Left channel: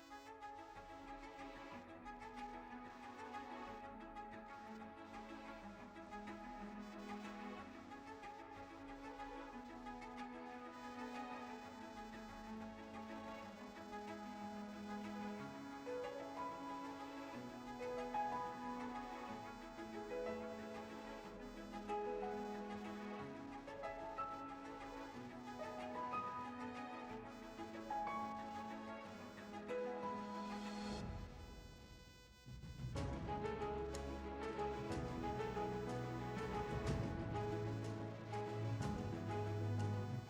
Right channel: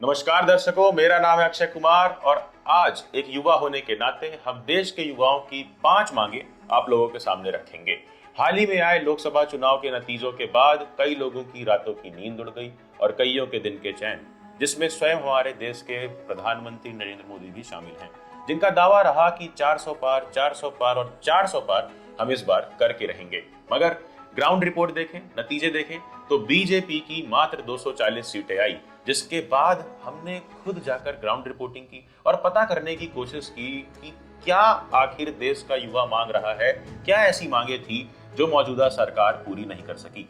नमस्कार दर्शकों, मेरा नाम है अक्षय कुमार और आज एक युवा होने के नाते हम देश के युवाओं की 5 मांगे आप लोगों के सामने रखेंगे। हाल ही में आए लोकसभा चुनाव के नतीजों के बाद कई लोगों की रातों की नींद उड़ गई और कईयों के दिन के चैन, जिसमें स्वयं हमारे देश के प्रधानमंत्री नरेंद्र मोदी भी शामिल हैं, जिनका दावा रहा कि 400 पार, 400 पार और 400 पार हम इस बार करके रहेंगे। मगर ग्राउंड रिपोर्ट देखें, नतीजे देखें तो बीजेपी की मात्र 240 सीटें आई, जिसके बाद हमने खुद जाकर ग्राउंड रिपोर्टिंग की और पता करने की कोशिश की कि क्या आखिर देश का युवा मांग रहा है, क्या ऐसी मांगे थी जो मौजूदा सरकार पूरी नहीं कर सकी।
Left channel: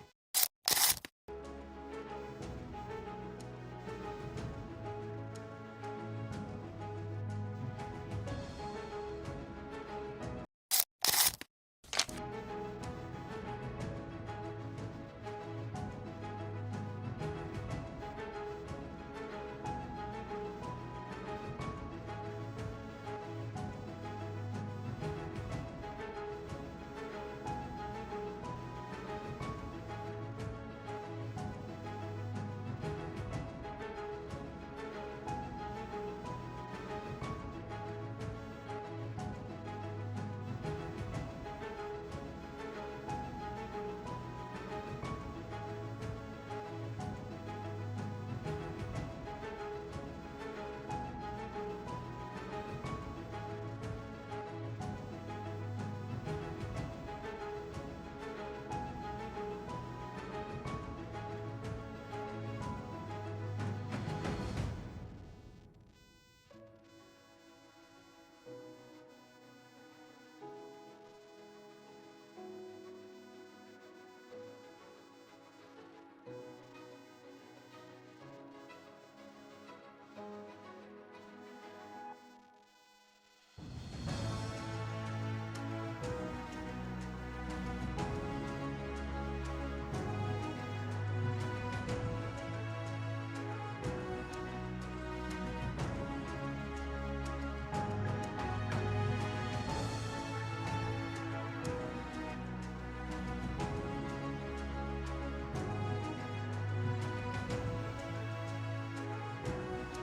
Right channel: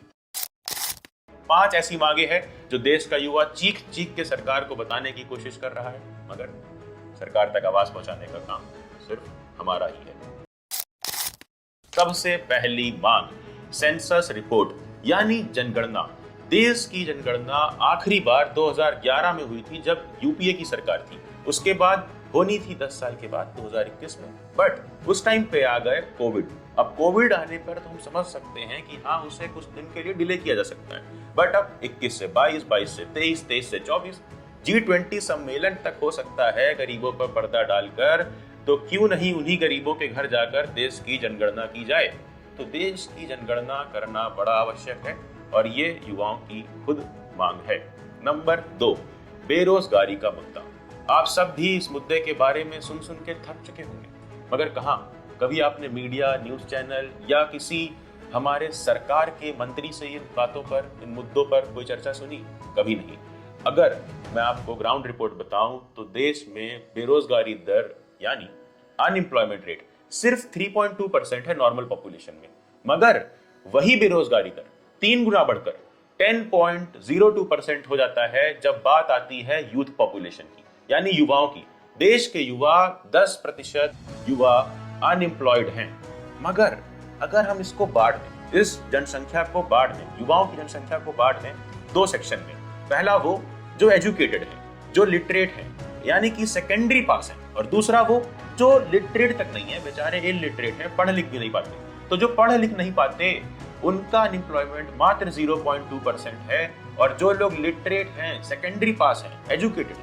5 ऐसी मांगे हैं जो देश का युवा चीख चीख के सरकार को बताने की कोशिश कर रहा है, मगर सरकार तक आवाज पहुंचाने का काम सिर्फ हमारा ही है। सबसे पहली मांग, सेंसस रिपोर्ट यानी जनगणना। देश की जनगणना आखिरी बार 2011 में हुई थी जब यूपीए की सरकार थी। उसके बाद होनी थी 10 साल के बाद 2021 में, बट उस टाइम पे आ गए कोविड। अब कोविड आने पर तो हम समझ सकते हैं कि हाँ, उसे कुछ दिन के लिए डिले किया जा सकता है, बट अब 21 से 22, 22 से 23, 23 से 24 G20 सम्मेलन तक हो सकता है गरीबों पर पर्दा डालकर, तो क्यों नहीं उन्हीं गरीबों के घर जाकर देश की जनगणना की जाए। तो देश की जनगणना करना बड़ा आवश्यक है और ये युवाओं की खुद मांग है। नंबर 2, बेरोजगारी का मुद्दा। आप सब भी इस मुद्दे के बारे में सुन सुन के थक चुके होंगे, मगर कहाँ कभी आपने मीडिया, न्यूज चैनल या किसी हमारे सरकार के मंत्री से इन बातों पर, इन मुद्दों पर कोई चर्चा सुनी? कभी नहीं। अगर मैं आपको ग्राउंड रिपोर्ट बताऊं तो देश में बेरोजगारी दर यानी अनएम्प्लॉयमेंट रेट सिर्फ 3.2% है नॉर्मल पॉपुलेशन में, मगर वही बेरोजगारी दर 3 गुना बढ़कर 10.02% हो जाता है जब बात आती है यूथ पॉपुलेशन की, यानी युवाओं की। देश के युवा 10% युवा अनएम्प्लॉयड हैं, मगर अगर हम इसको बांट दें, इस जनसंख्या को बांट दें, युवाओं की जनसंख्या को बांट दें 2 सेक्शन में। पहला वो जो एजुकेटेड है, जो लिटरेट है, यानी कि सेकेंडरी पास है, और दूसरा वो जो लिटरेट तक नहीं है, बेचारे इलिटरेट है, पढ़ लिख भी नहीं पाते। तो जो पढ़ लिख नहीं पाते उनका अनएम्प्लॉयमेंट मात्र 0.2% है, और जो लोग लिटरेट हैं, सेकेंडरी पास हैं, एजुकेटेड,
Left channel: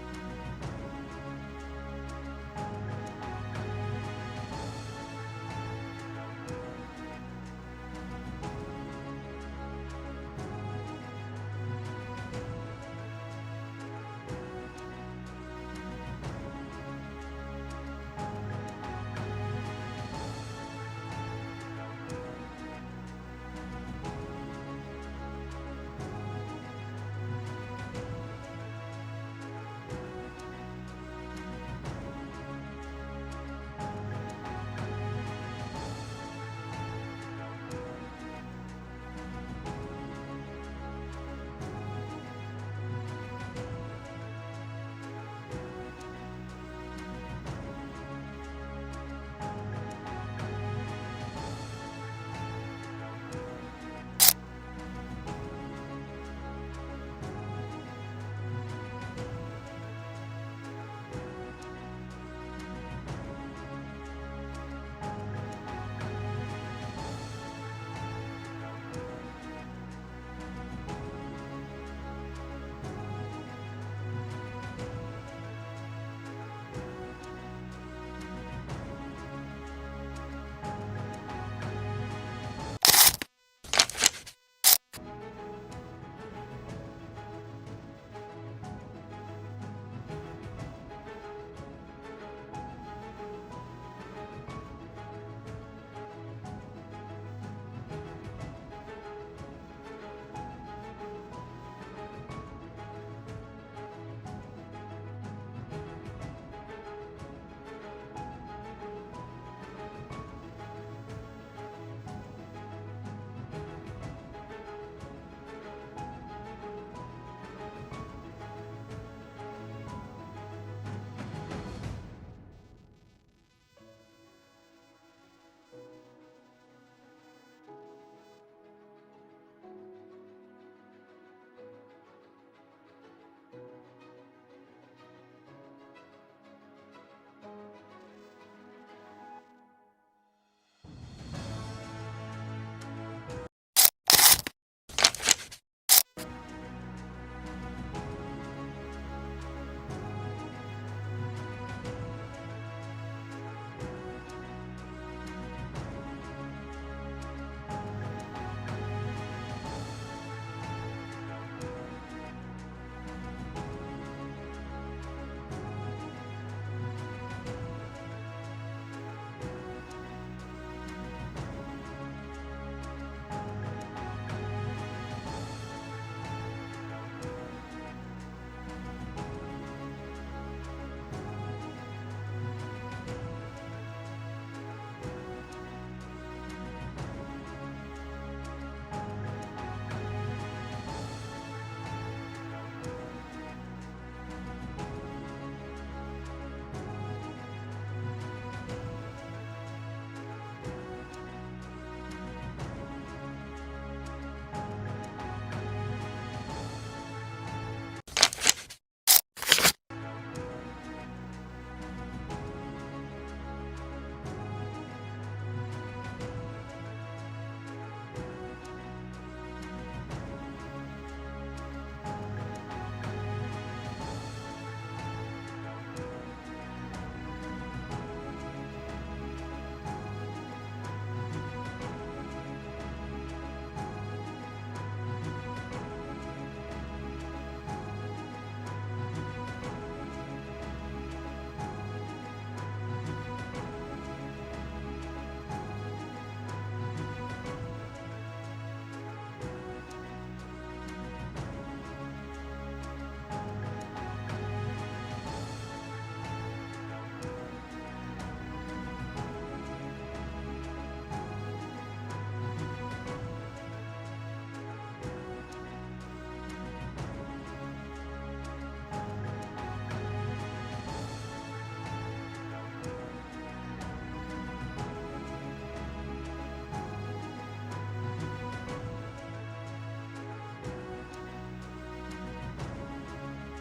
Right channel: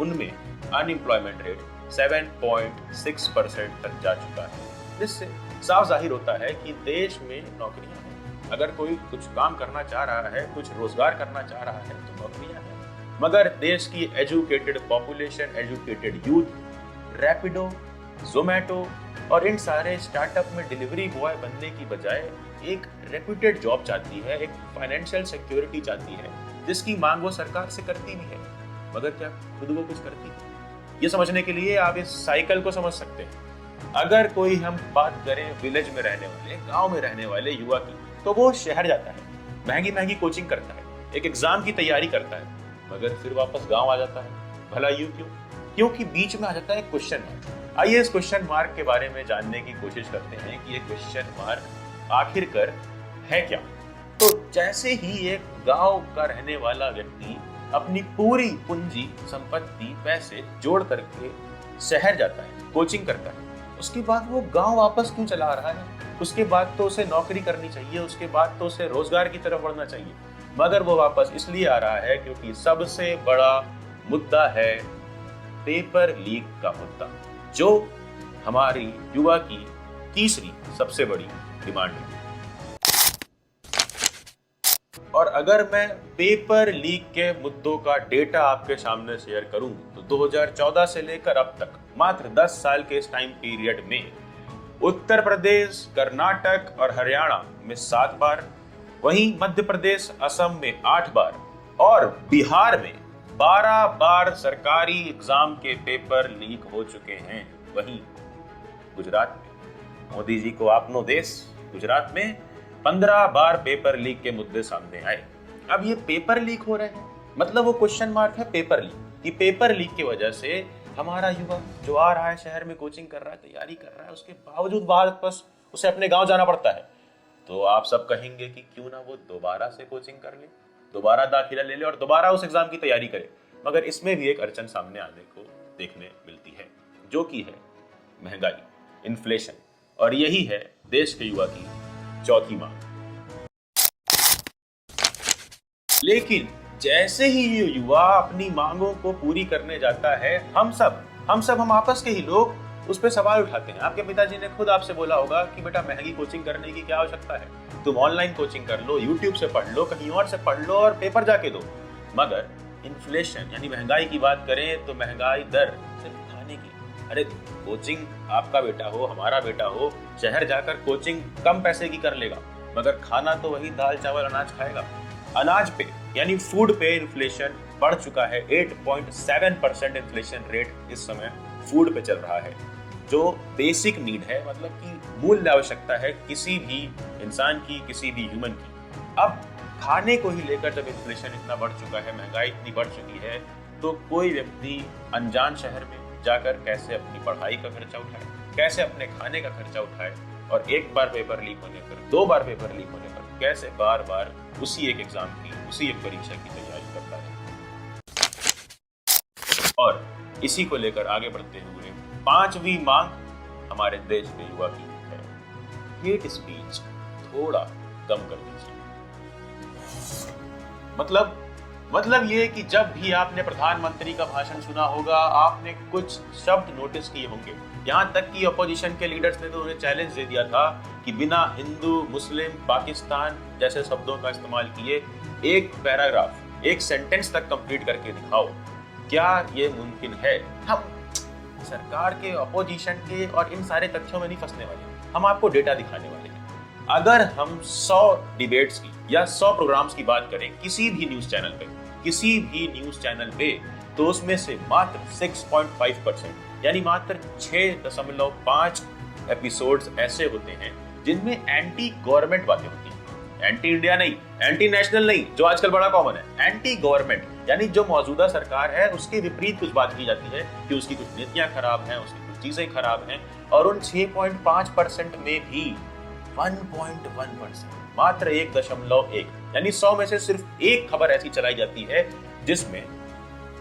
उनमें अनएम्प्लॉयमेंट रेट 7.6% तक जा चुका है। इससे साफ जाहिर होता है कि देश में नौकरियां हैं। अगर कोई कुछ काम करना चाह रहा है, कुछ रोजगार करना चाह रहा है तो नौकरियां हैं, मगर देश की educated population, educated youth Rapido, Zomato और इन सारे स्टार्टअप में डिलीवरी बॉय बनने की बजाय एक रेप्यूटेड जॉब चाहती है, एक फाइनेंशियल सिक्योरिटी चाहती है, जिसकी मांग वो सरकार से करती भी है, मगर क्या खुद वो कुछ करती है? ये समझने के लिए आप इस साइकिल को समझ सकते हैं। अगर कोई हम बात करें विलेज में रहने वाले, गांव में रहने वाले युवा की, तो वो शहर जाता है, महंगी महंगी कोचिंग करता है, एक एग्जाम की तैयारी करता है, मगर फिर वापस गांव आ जाता है। भला यूं क्यों? क्योंकि बीच में आ जाता है क्वेश्चन मार्क। आइए इस क्वेश्चन मार्क के बारे में जानने की कोशिश करते हैं कि ये क्वेश्चन मार्क आखिरकार है क्या। तो जैसे ही एक गांव का रहने वाला व्यक्ति अपनी पूरी पूंजी, संपत्ति, पैसे जोड़ करके शहर जाता है, कोचिंग करता है, उसके बाद वो गांव वापस क्यों चला आ रहा है? उसके बाद तो उसे नौकरी करनी चाहिए, उसके बाद तो उसे रोजगार की तरफ बढ़ना चाहिए, मगर वो वापस इसलिए आ रहा है क्योंकि सबसे बड़ा मुद्दा है पेपर लीक का मुद्दा, जो हमारी युवा की तीसरी सबसे बड़ी डिमांड है। और अगर मैं पेपर लीक के मुद्दों का डेटा आपके सामने शेयर करूं तो 2014 से लेकर अब तक मात्र 10 साल के इस टाइम पीरियड में उत्तर प्रदेश, कर्नाटक और हरियाणा में 7 बार, वहीं मध्य प्रदेश, असम में 8 बार और बिहार में 12 बार सरकारी एग्जाम के पेपर लीक हो चुके हैं। वहीं गुजरात में, मोदी जी को आपनो देश, गुजरात में 15 बार पेपर लीक के मुद्दे सामने आए। अब ये पेपर लीक हो रहे हैं, मतलब वो क्वेश्चन मार्क है पेपर लीक, कि पेपर लीक की वजह से हमारा युवा जो आ रहा है, शहर में कोचिंग कर रहा है, तैयारी कर रहा है, उसके बावजूद वापस उसे अपने गांव जाना पड़ता है। तो आप सब कहेंगे कि क्यों ना वो दोबारा से कोचिंग कर ले, दोबारा दाखिला ले ले और दोबारा उस एग्जाम की तैयारी करे। मगर इसमें भी एक अड़चन सामने आने को देखने मिलती है, जो कि है महंगाई, इन्फ्लेशन, और यही है देश के युवा की चौथी मांग। लेकिन जैसे ही ये युवा अपनी मांगों को पूरी करने जाता है, हम आपस के ही लोग उस पर सवाल उठाते हैं। आपके पिताजी ने खुद आपसे बोला होगा कि बेटा महंगी कोचिंग करने की क्या आवश्यकता है, तुम ऑनलाइन कोचिंग कर लो, यूट्यूब से पढ़ लो, कहीं और से पढ़ लो और पेपर जाके दो। मगर इन्फ्लेशन यानी महंगाई की बात करें तो महंगाई दर सिर्फ खाने की, अरे कोचिंग आपका बेटा हो, हमारा बेटा हो, शहर जाकर कोचिंग कम पैसे की कर लेगा, मगर खाना तो वही दाल चावल अनाज खाएगा। अनाज पे यानी फूड पे इन्फ्लेशन बढ़ चुका है। 8.7% इन्फ्लेशन रेट इस समय फूड पे चल रहा है, जो बेसिक नीड है, मतलब कि मूल आवश्यकता है किसी भी इंसान की, किसी भी ह्यूमन की। अब खाने को ही लेकर जब इन्फ्लेशन इतना बढ़ चुका है, महंगाई इतनी बढ़ चुकी है, तो कोई व्यक्ति अनजान शहर में जाकर कैसे अपनी पढ़ाई का खर्चा उठाए, कैसे अपने खाने का खर्चा उठाए, और एक बार पेपर लीक होने पर, 2 बार पेपर लीक होने पर कैसे बार बार उसी एक एग्जाम की, उसी एक परीक्षा की तैयारी करता है। और इसी को लेकर आगे बढ़ते हुए 5वीं मांग हमारे देश के युवा की है, हेट स्पीच थोड़ा कम कर दीजिए। मतलब ये कि जब भी आपने प्रधानमंत्री का भाषण सुना होगा, आपने कुछ शब्द नोटिस किए होंगे, यहाँ तक कि अपोजिशन के लीडर्स ने तो उन्हें चैलेंज दे दिया था कि बिना हिंदू, मुस्लिम, पाकिस्तान जैसे शब्दों का इस्तेमाल किए एक पैराग्राफ, एक सेंटेंस तक कंप्लीट करके दिखाओ। क्या ये मुमकिन है? हम सरकार के, अपोजिशन के और इन सारे तथ्यों में नहीं फंसने वाले, हम आपको डेटा दिखाने वाले हैं। अगर हम 100 डिबेट्स की या 100 प्रोग्राम्स की बात करें किसी भी न्यूज चैनल पे, तो उसमें से मात्र 6.5% यानी मात्र 6.5 एपिसोड्स ऐसे होते हैं जिनमें एंटी गवर्नमेंट बातें होती हैं। एंटी इंडिया नहीं, एंटी नेशनल नहीं, जो आजकल बड़ा कॉमन है, एंटी गवर्नमेंट यानी जो मौजूदा सरकार है उसके विपरीत कुछ बात की जाती है कि उसकी कुछ नीतियां खराब हैं, उसकी कुछ चीजें खराब हैं। और उन 6.5% में भी 1.1%, मात्र 1.1 यानी 100 में से सिर्फ एक खबर ऐसी चलाई जाती है जिसमें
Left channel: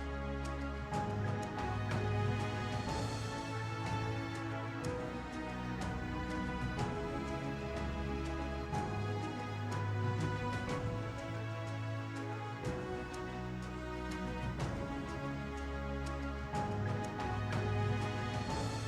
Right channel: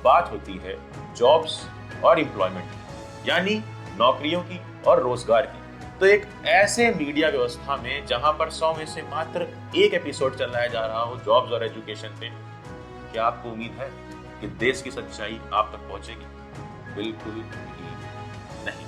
बात होती है जॉब्स और एम्प्लॉयमेंट यानी नौकरियों की और रोजगार की। तो एक ऐसे मीडिया व्यवस्था में जहां पर 100 में से मात्र एक एपिसोड चलाया जा रहा हो जॉब्स और एजुकेशन पे, क्या आपको उम्मीद है कि देश की सच्चाई आप तक पहुंचेगी? बिल्कुल नहीं।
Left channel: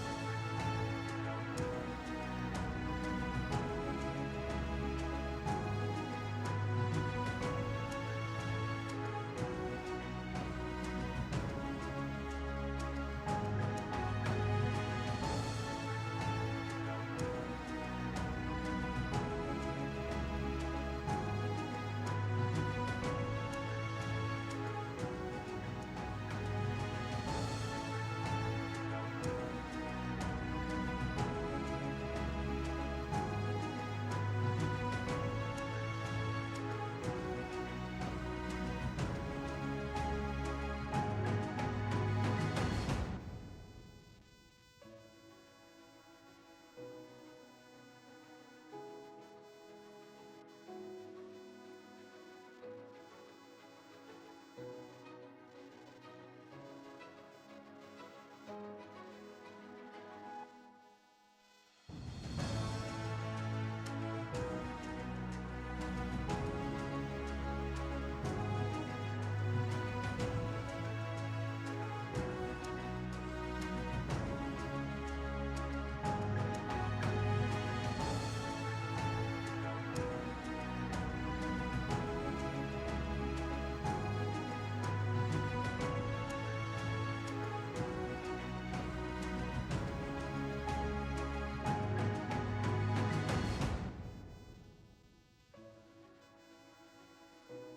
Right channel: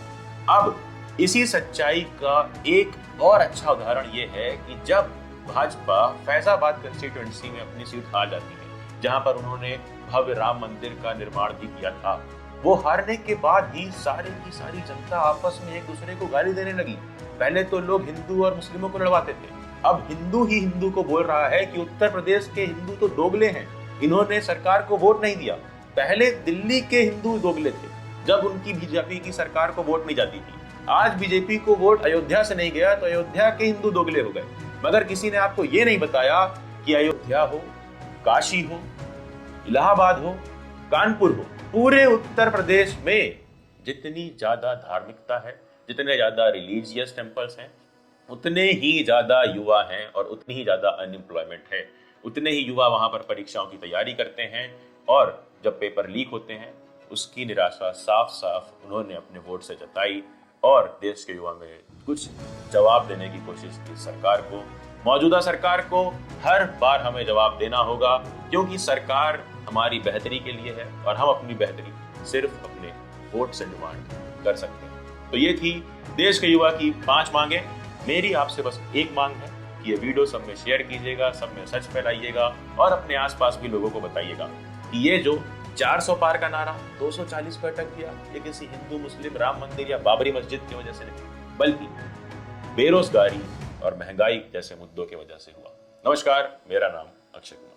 अब इसी सच्चाई का एक और अच्छा उदाहरण ये है कि जब भाजपा फैजाबाद कंस्टिट्यूएंसी में अपनी सीट हार जाती है, जहां पर उन्होंने भव्य राम मंदिर का निर्माण भी किया था, वो हारने के बाद ही सारी की सारी जनता आपस में एक दूसरे को गाली देने लगी। पहले तो लोग हिंदू और मुस्लिमों को लड़वाते थे, अब हिंदू ही हिंदू को बोल रहा है कि उत्तर प्रदेश के हिंदू तो दोगले हैं, इन्होंने सरकार को वोट नहीं दिया। पहले दिल्ली के हिंदू दोगले थे जब उनकी बीजेपी की सरकार को वोट नहीं जाती थी। आज बीजेपी को वोट अयोध्या से नहीं गया तो अयोध्या के हिंदू दोगले हो गए। मगर किसी ने आपको ये नहीं बताया कि अयोध्या हो, काशी हो, इलाहाबाद हो, कानपुर हो, पूरे उत्तर प्रदेश में जितनी ज्यादा धार्मिकता है, जितने ज्यादा रिलीजियस टेम्पल्स हैं, उतने ही ज्यादा युवा हैं और उतनी ही ज्यादा अनएम्प्लॉयमेंट है। उतने ही युवा वहां पर परीक्षाओं की तैयारी करते हैं और जब पेपर लीक होते हैं उसकी निराशा साफ साफ उन्होंने अपने वोट से जताई और देश के युवा में कुछ जवाब देने की कोशिश की सरकार को। मौजूदा सरकार को हर बार हमें जवाब देना होगा क्योंकि सरकार हमारी बेहतरी के लिए है और हम अपनी बेहतरी सिर्फ अपने वोट से डिमांड कर सकते हैं। तो ये थी देश के युवा की 5 मांगे। मेरी आपसे बस एक मांग है कि ये वीडियो सब में शेयर कीजिएगा, सब में सच फैलाइएगा और अपने आसपास भी लोगों को बताइएगा कि ये जो 400 पार का नारा 240 पर अटक गया, ये किसी हिंदू, मुस्लिम, राम मंदिर या बाबरी मस्जिद की वजह से नहीं, बल्कि बेरोजगारी और महंगाई जैसे मुद्दों की वजह से हुआ। नमस्कार, मेरा नाम अक्षय।